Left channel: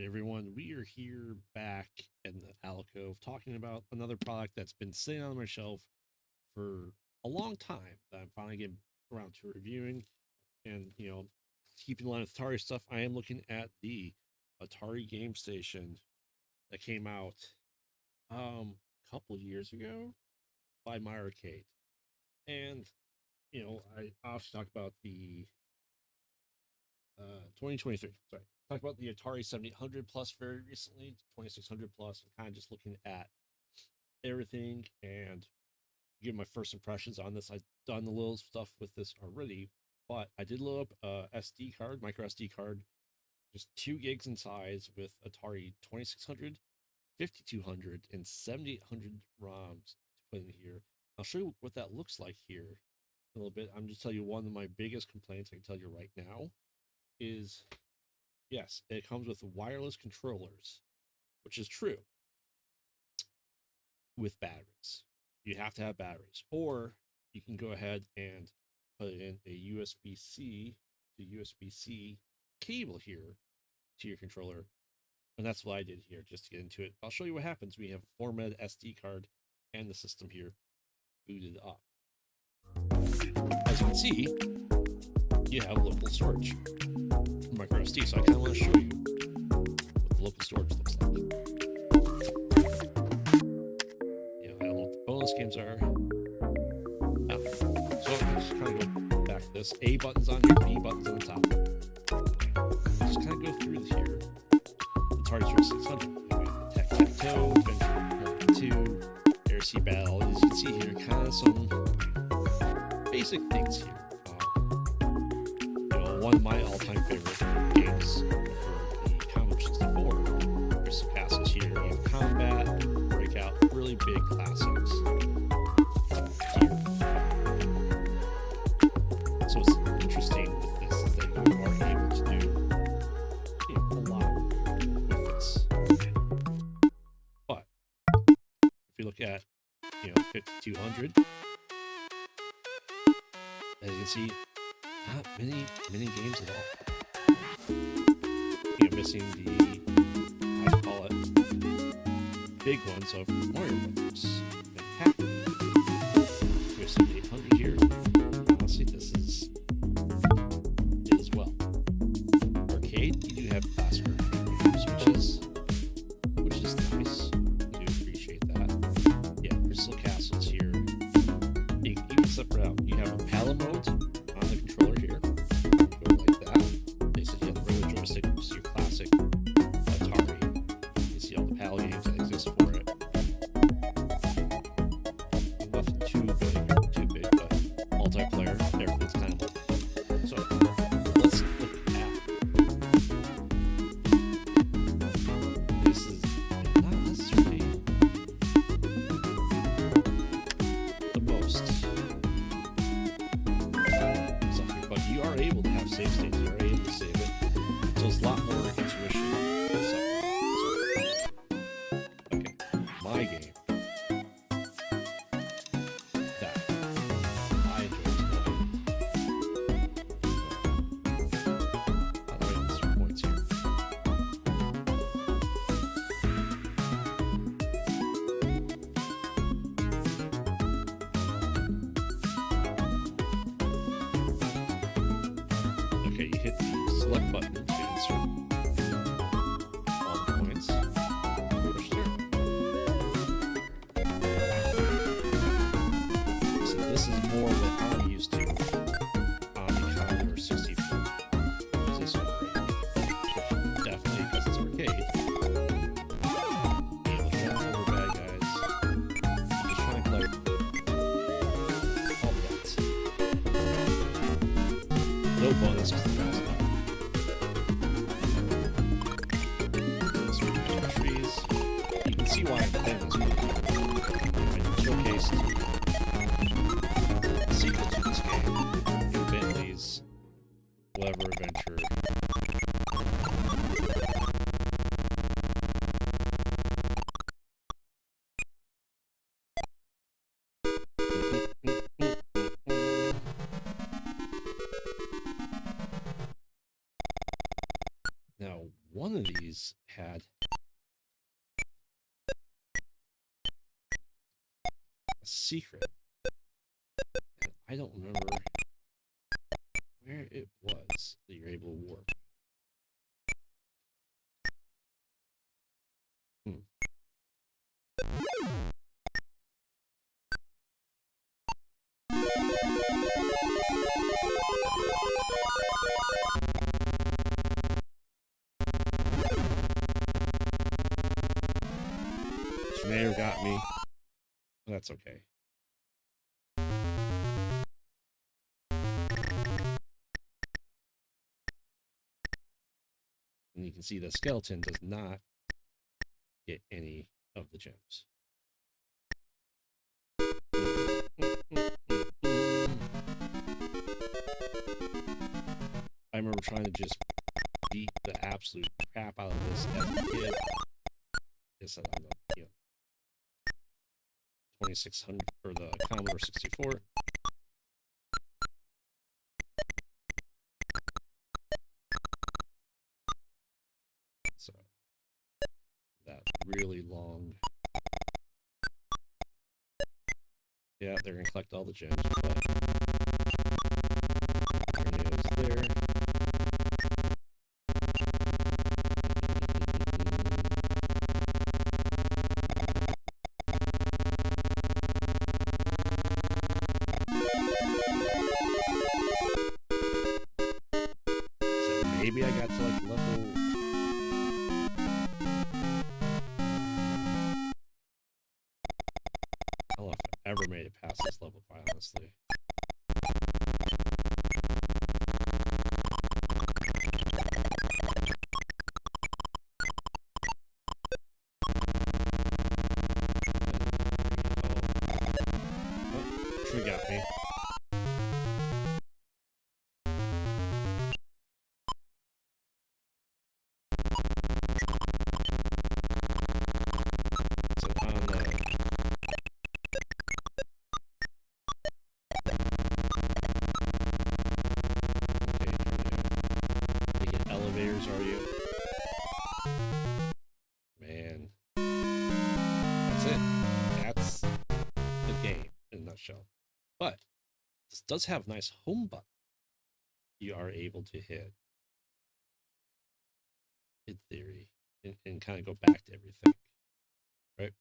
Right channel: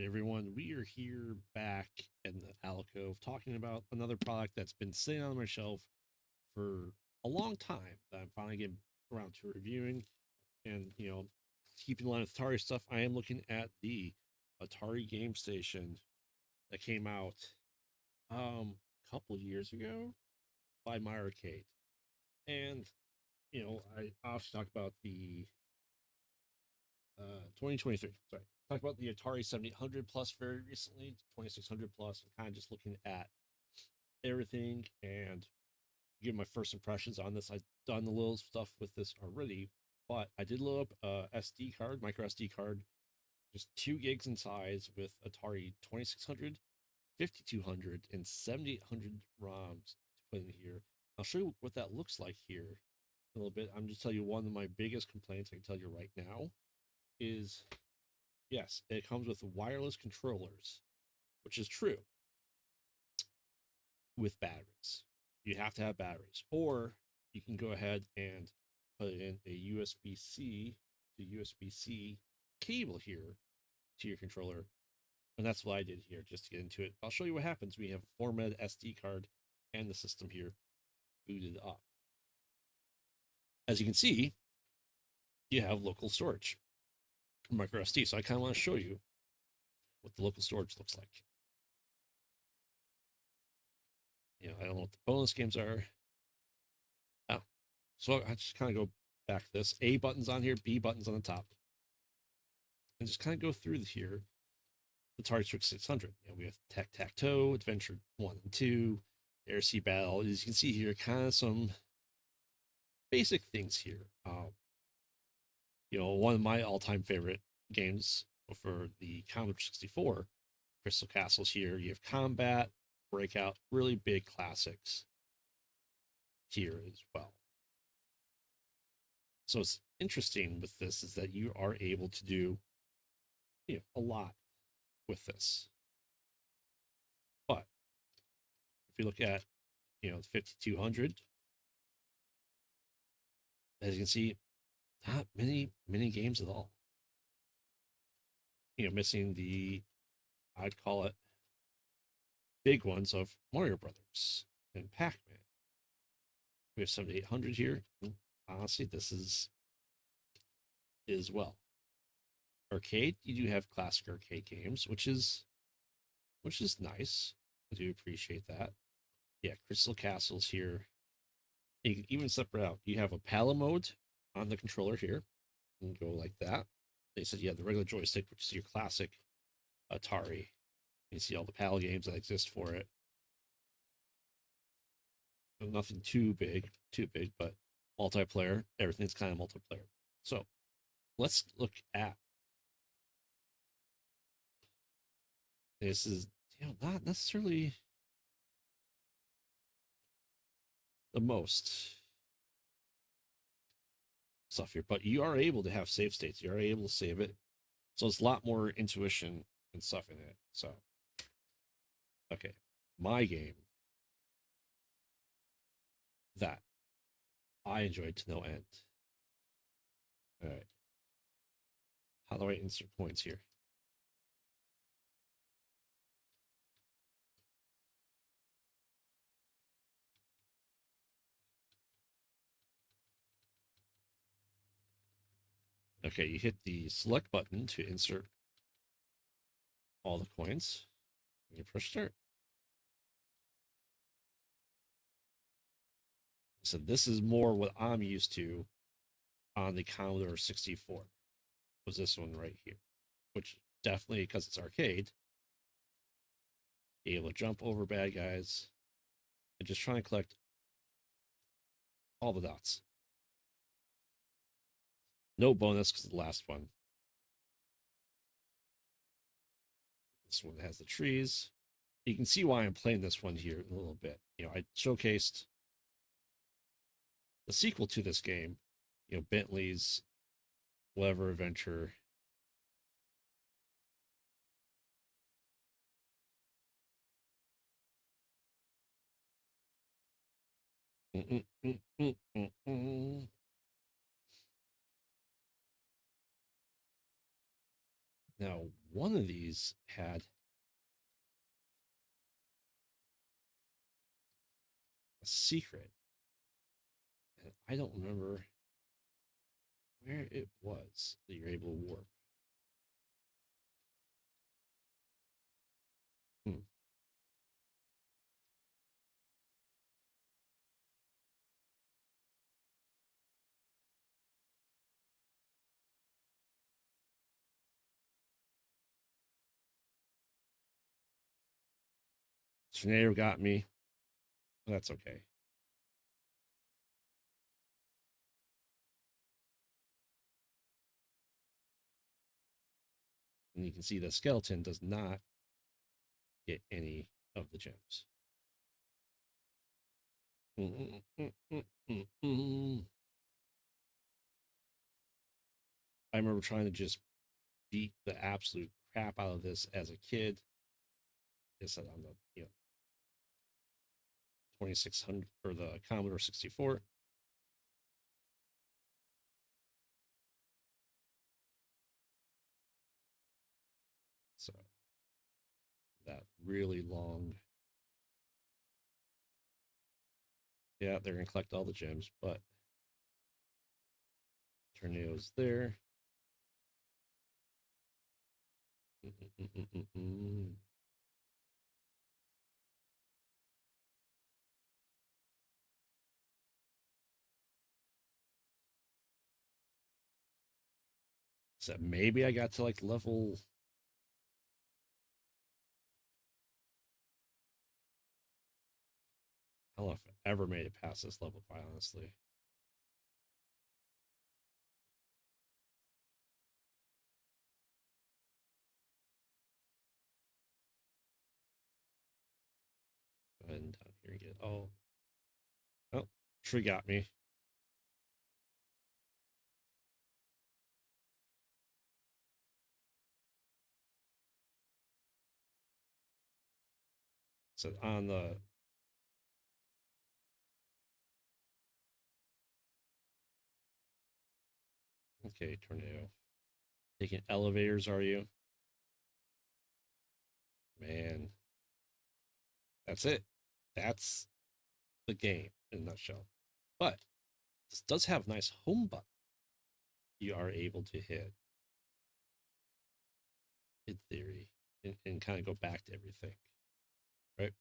right, everyone, we are here back in the alcove talking about another product that's been sitting on my shelf for a long time that I'm finally getting around to reviewing. And, keeping in line with Atari stuff, I am looking at the Atari Gamestation that came out a couple of years ago by my arcade. And, I obviously talked about the 2023. Sorry, talked about the Atari 7800 plus very recently, 2600 plus. I'm kind of just looking at everything and give my first impressions on this. I've done a little stuff with this already, but I did load up a SD card, micro SD card, just 2 gigs in size with Atari 2600, 5200, and 7800 ROMs to put in here. I'll show you what that looks like here a little bit. I'm just telling you one of my biggest complaints I can tell you right now is yes, it comes with wireless controllers, which is true with batteries. You have to have batteries, or you can go ahead and put in a USB-C to USB-C cable here to your controller. And that's what I did here just to get into it. I'll show you what happens. We have a formatted SD card and the system here booted up. As you can see, you have local storage, micro SD. So I kind of want to show you what the local storage looks like. I don't know what the bonus games are. Oh, so I just kind of go back to this. A button's on here, B button's on the top. Just kind of go through here. Atari 2600. We have the Tic-Tac-Toe, Adventure 1 and 2, Air Sea Battle. As you can see here, kind of some basic things here. One of my all-time favorite games for the Commodore 64, Crystal Castles here. You have Combat, Breakout, really big classics here. So what's interesting with this is that you are able to do a lot with this. But if you look at 5200, as you can see, not many games at all. Missing the, I call it, big ones of Mario Brothers and Pac-Man. We have 7800 here. Honestly, this is it as well. Arcade, you do have classic arcade games, which is nice. I do appreciate that. Yeah, Crystal Castles here. You can even separate out. You have a paddle mode on the controller here. You can go like that. They said you have the regular joystick, which is your classic Atari. You see all the paddle games that exist for it. Nothing too big, but multiplayer, everything's kind of multiplayer. So let's look at this. Is not necessarily the most stuff here, but you are able to have save states. You are able to save it, so it's a lot more intuition and stuff. So, okay, my game that I enjoy to no end. How do I insert points here? Okay, you hit the select button to insert all the points. Push start. So this is more what I'm used to on the Commodore 64. Is this one right here? Which definitely, because it's arcade, be able to jump over bad guys and just try and collect all the dots. No bonus because the last one. Switch between trees. You can see why I'm playing this one here. I showcased a sequel to this game, Bentley's whatever adventure. Now, one of these had a secret, and I don't remember where it was that you're able to warp. Tornado got me. That's okay. And you can see the skeleton does not get any of the gems. I remember trying to just beat the absolute crap out of this as a kid. It's on the 2600 or the Commodore 64. So that really long. Yeah, they're gonna collect all the gems, but tornadoes there. So maybe I got to like level. I don't know if I ever made it past this level, quite honestly. Oh, tree got me. So on the elevators, are you? Man. That's it. That's the game in a nutshell. But this does have a nice home button you are able to hit, in theory, and kind of go back to everything. Right?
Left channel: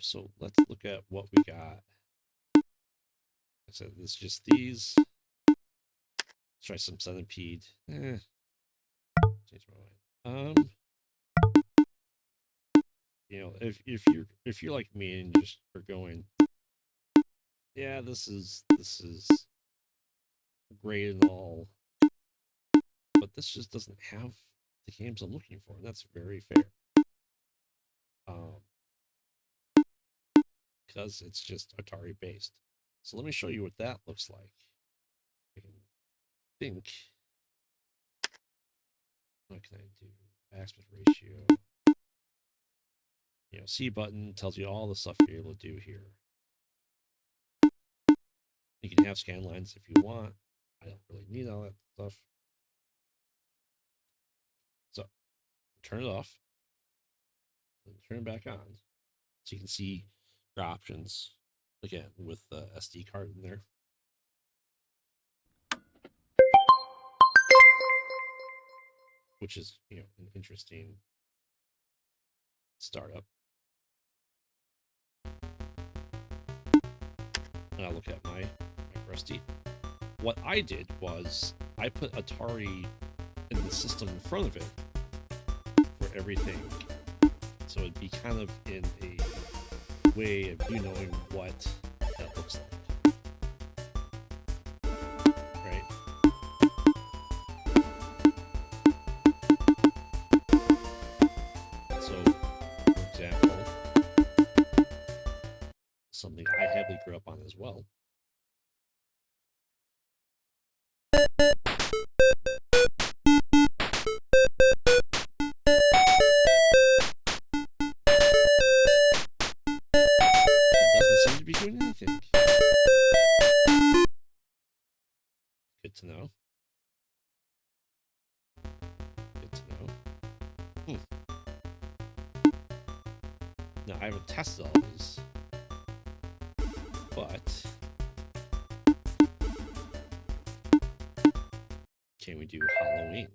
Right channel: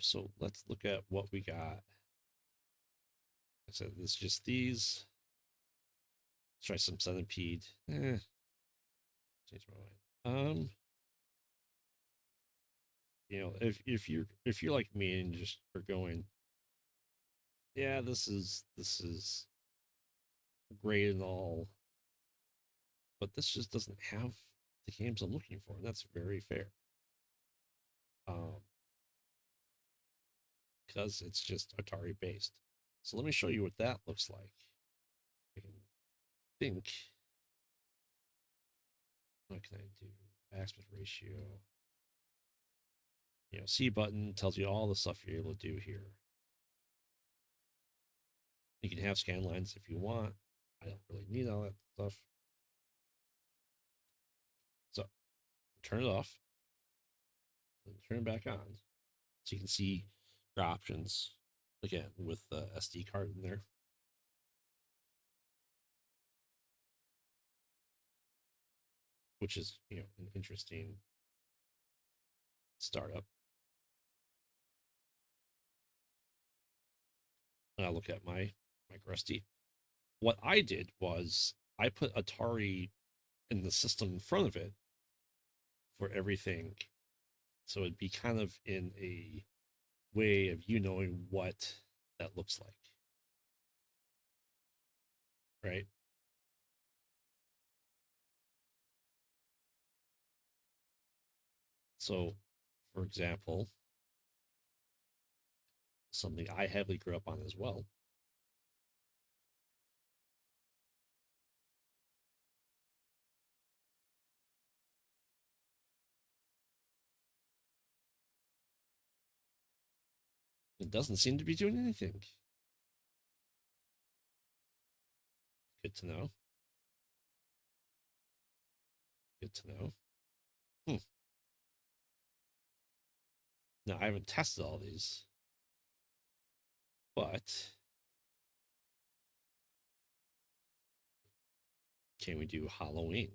So let's look at what we got. Like I said, it's just these. Let's try some centipede. Change my mind. You know, if you're like me and just are going, yeah, this is great and all, but this just doesn't have the games I'm looking for, and that's very fair. Because it's just Atari based. So let me show you what that looks like. I can think. What can I do? Aspect ratio. You know, C button tells you all the stuff you're able to do here. You can have scan lines if you want. I don't really need all that stuff. So turn it off and turn it back on. So you can see your options again with the SD card in there. Which is, you know, an interesting startup. And I look at my Rusty. What I did was I put Atari in the system in front of it for everything. So it'd be kind of in a way of you knowing what that looks like. Right? So, for example, something I heavily grew up on as well. It doesn't seem to be doing anything. Good to know. good to know. Now, I haven't tested all these, but can we do Halloween?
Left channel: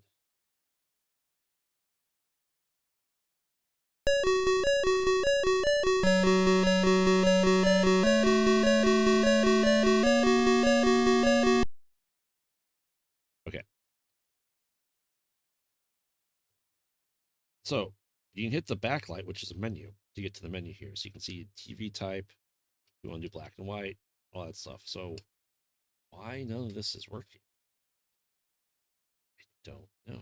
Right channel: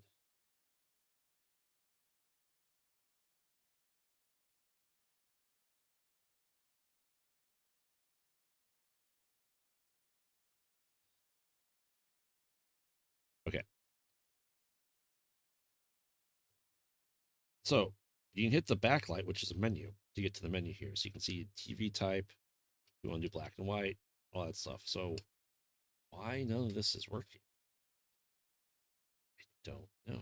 Okay. So you can hit the backlight, which is a menu, to get to the menu here. So you can see TV type, you want to do black and white, all that stuff. So why none of this is working? I don't know.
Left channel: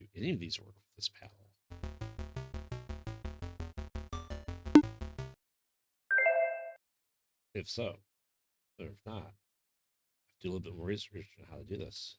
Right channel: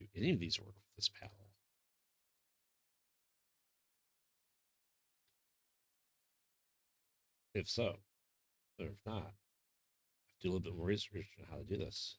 Do any of these work with this paddle? If so, or if not, I have to do a little bit more research on how to do this.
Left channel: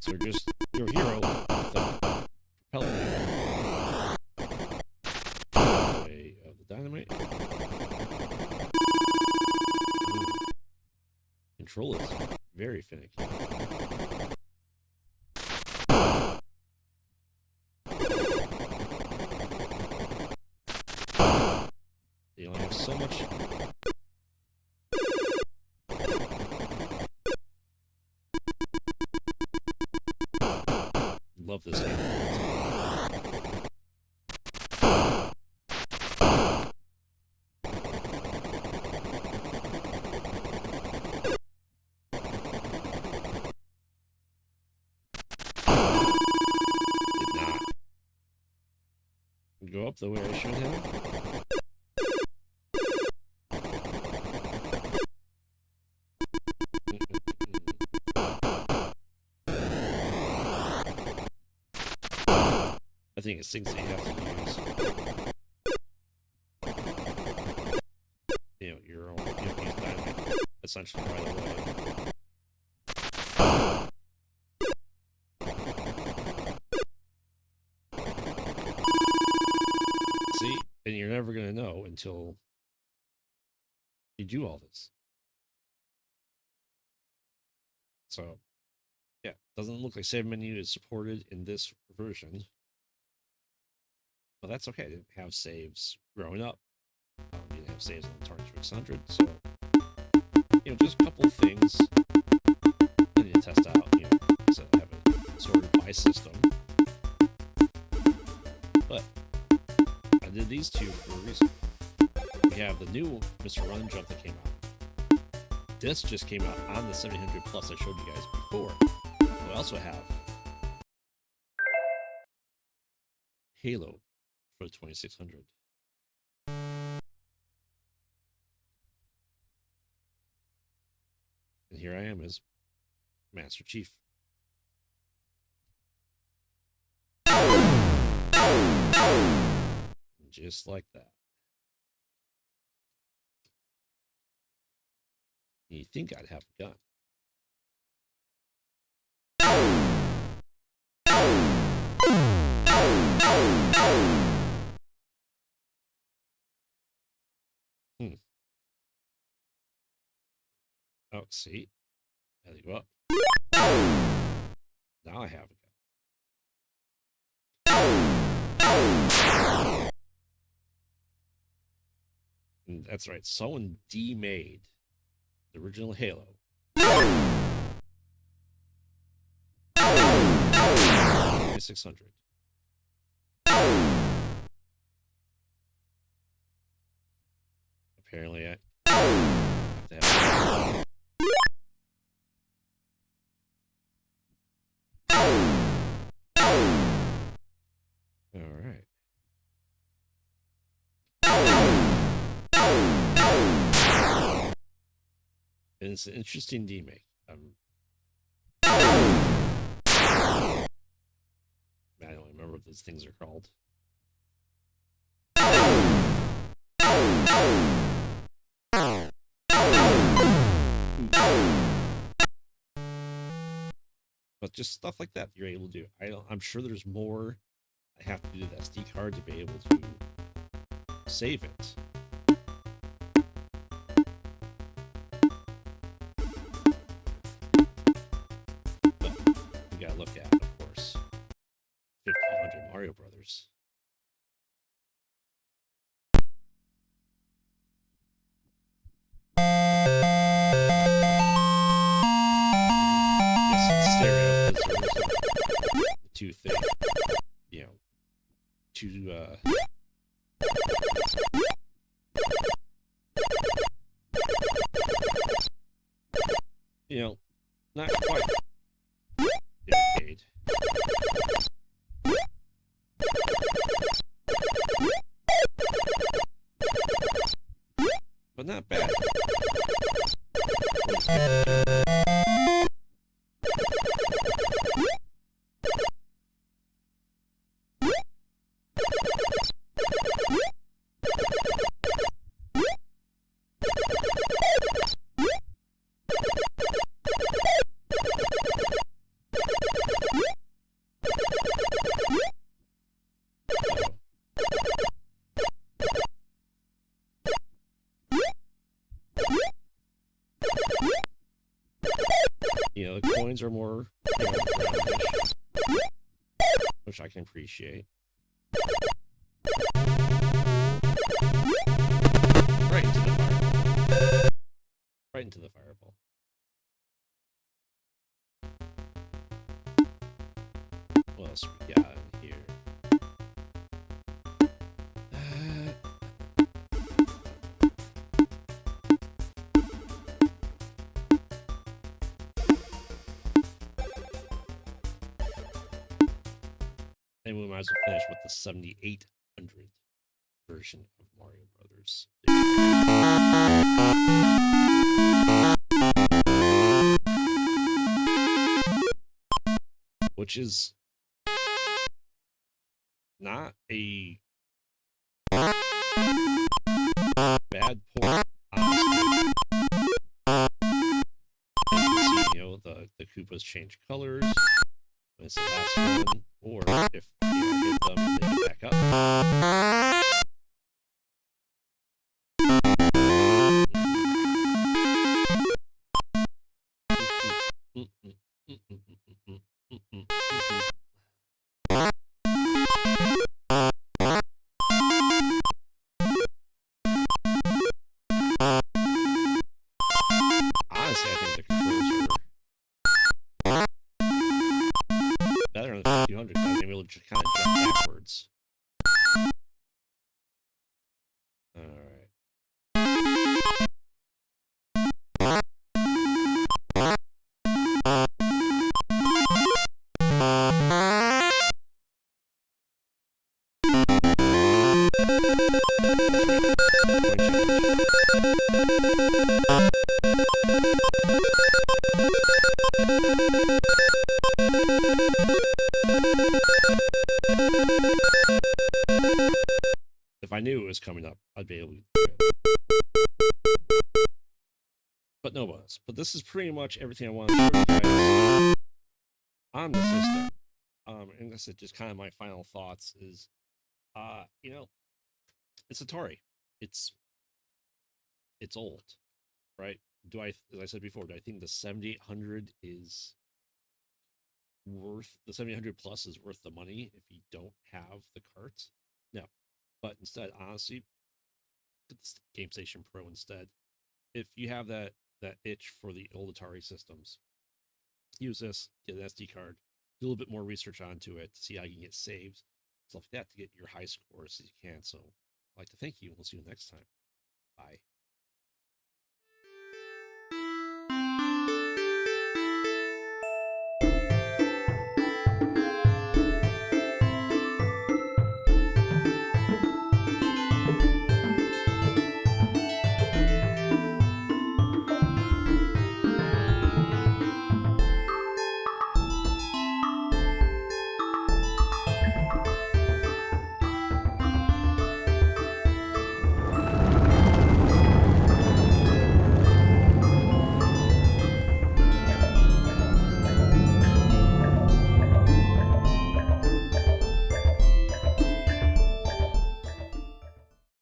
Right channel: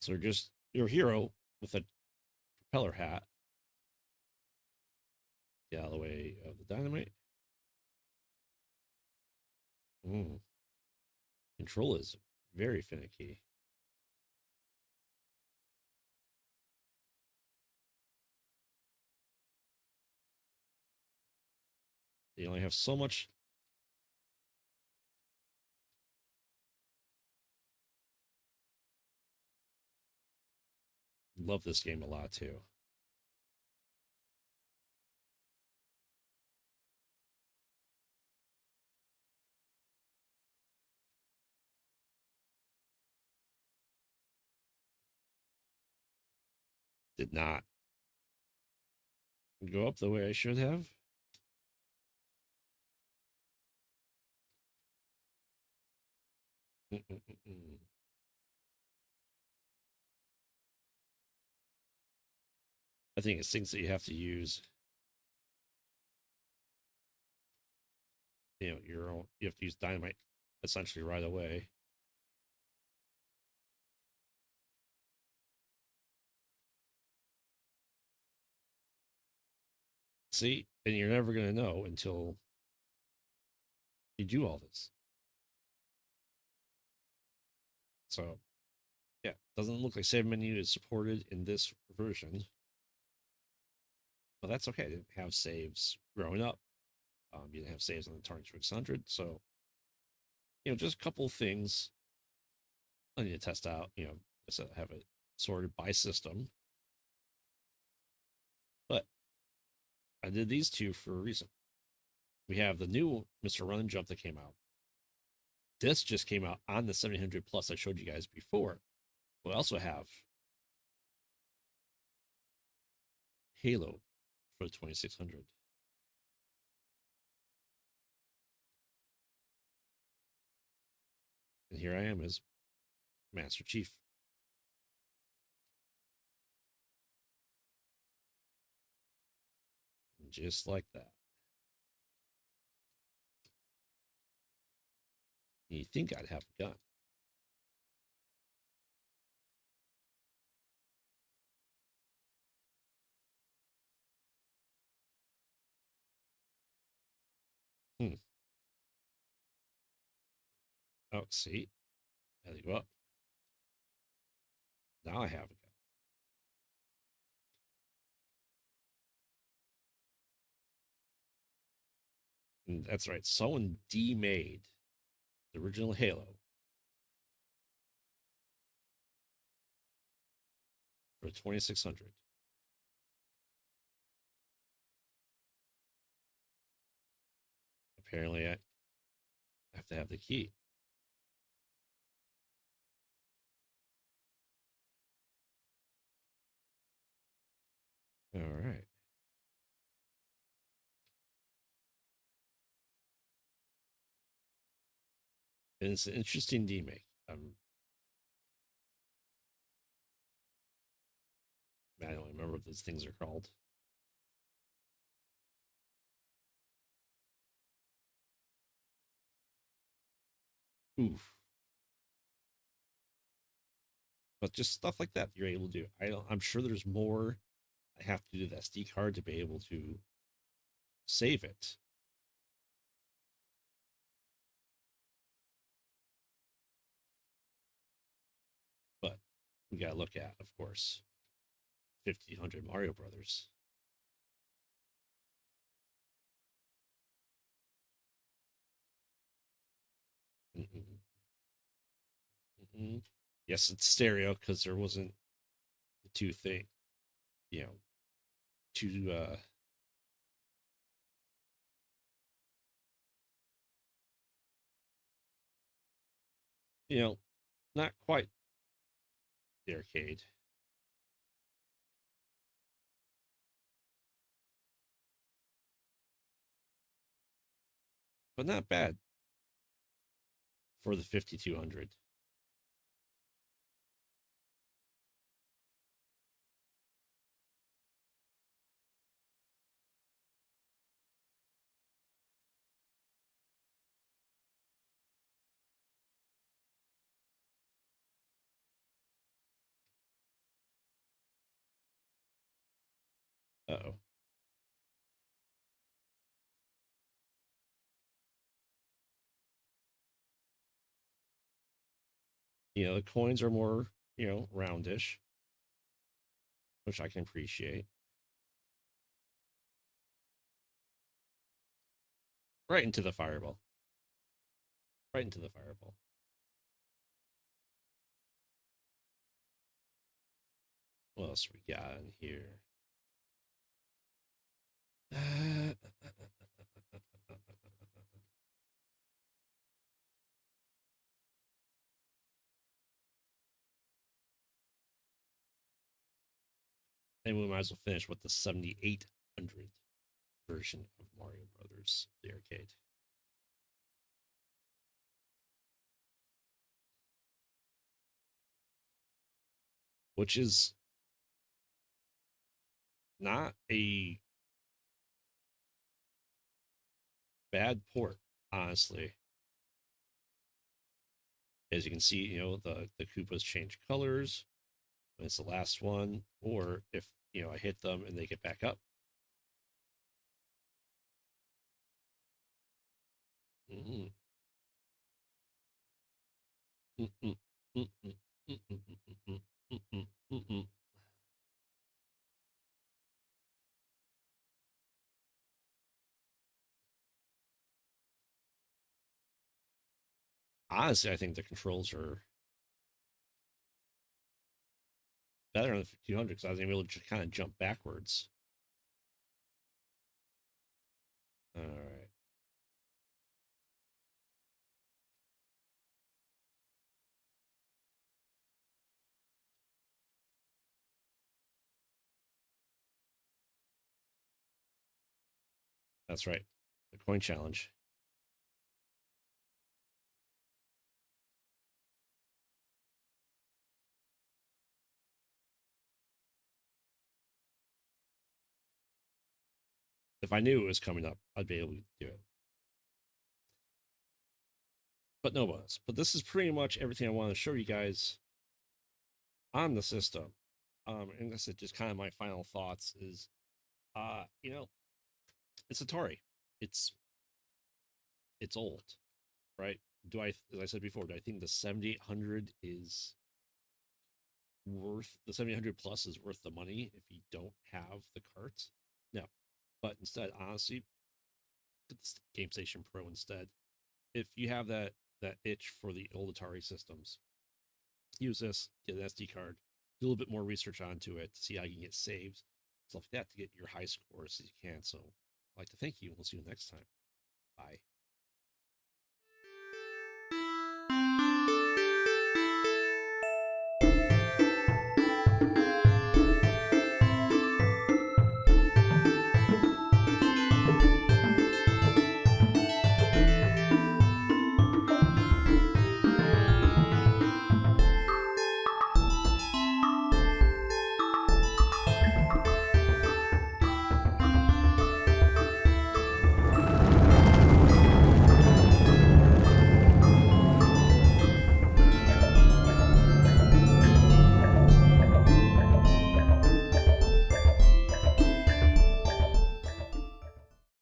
So just your hero with a propeller hat. Way of the dynamite. Ooh. Control is very finicky. You only have so much. Love this game. Did not go up the way I should have. I think it's things that you have to use. You know, your own. You have to use dynamite essentially right away. See, and you're never gonna know until you do all this. So, yeah, doesn't look like save menu is supported in this version. But that's okay. I didn't have saves growing up. You didn't have saves on the Atari 600, so you know, just a couple of things I need to test out. You know, so I have it sorted by system, but I did these two for a reason. We have the new Mr. Run and Jump that came out. This just came out on the 700 Plus I showed you guys before. We also have Halo for the 2600. And here I am as Master Chief. Just like that. You think I'd have a gun. Oh, see? There you go up. Now I have a gun. And that's right. Someone demade the original Halo. 2600. Apparently, I have to have. All right. And it's an interesting demake. what those things are called. Ooh. But just stuff like that you're able to do. I'm sure there's more. I have to do the SD card to be able to save it. But we gotta look at, of course, 1500 Mario Brothers. Yes, it's stereo because there wasn't the two thing, you know, two you know, not quite the arcade. But not bad. For the 5200. You know, the coins are more, you know, roundish, which I can appreciate. Right into the fireball. Right into the fireball. What else we got in here? And we might as well finish with the 7800 version of Mario Brothers. Which is not a bad port, honestly. As you can see, you know, the Koopas change colors when it's the last one, or if you know, hit them and they get back up. Honestly, I think the controls are better on the 5200 because I was able to just kind of jump backwards. Alright. That's right. Point challenge. If I knew it was coming up, I'd be able to do it. But no bonus. But this is pretty much everything I want to show you guys on the system. And this is just kind of my final thoughts is, you know, it's Atari. It's old, right? As I said before, do I think the 7800 is worth, the 7800 plus is worth the money if you don't have the carts? No. But instead, honestly, get the Gamestation Pro instead. If you have that itch for the old Atari systems, use this, get an SD card, do a little bit more research onto it to see how you can get saves, stuff like that, to get your high scores as you can. So I'd like to thank you, and we'll see you next time. Bye.